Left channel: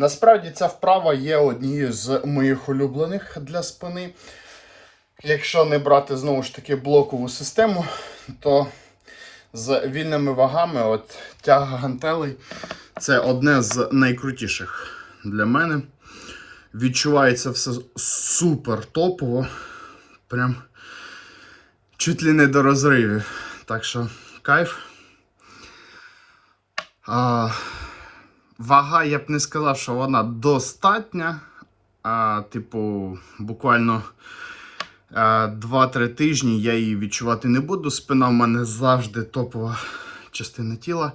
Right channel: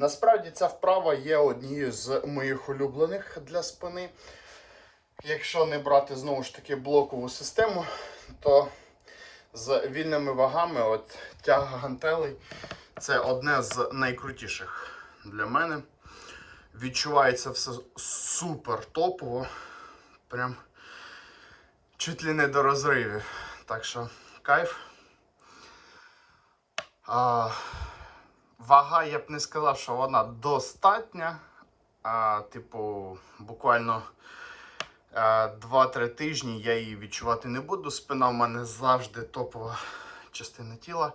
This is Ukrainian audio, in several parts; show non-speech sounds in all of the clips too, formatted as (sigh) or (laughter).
Насправді ця вправа є однією з моїх улюблених для спини. Якщо не брати знову ж таки блокову систему, то з вільними вагами от тяга гантелей це одне з найкрутіших для мене. Відчувається все супер топово. Прям чуть ли не до розривів. Так що кайф. А, вага, я б не сказав, що вона достатня. А, типу, буквально а, 2-3 тижні я її відчувати не буду. Спина в мене завжди топова частина тіла.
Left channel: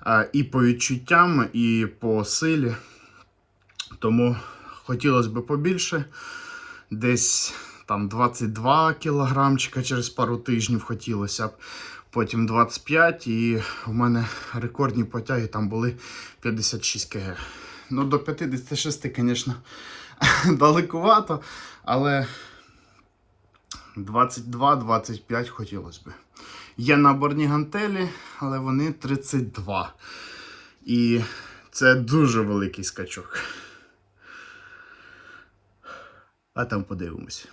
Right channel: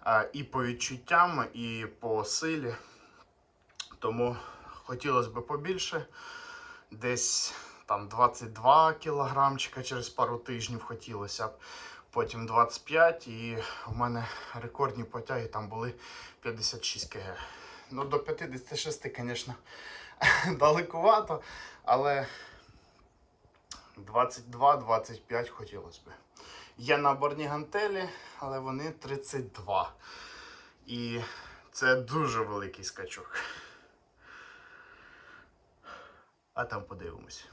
А, і по відчуттям, і по силі. Тому хотілося б побільше. Десь там 22 кілограмчика через пару тижнів хотілося б. Потім 25 і в мене рекордні потяги там були 56 кг. Ну, до 56, звісно, (laughs) далекувато, але 22-25 хотілося б. Є наборні гантелі, але вони 32. І це дуже великий скачок. А там подивимось.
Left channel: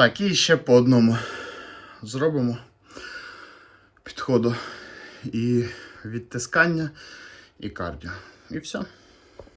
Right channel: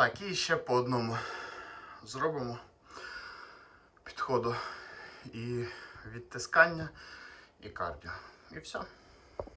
Так, і ще по одному зробимо підходу і відтискання, і кардіо. І все.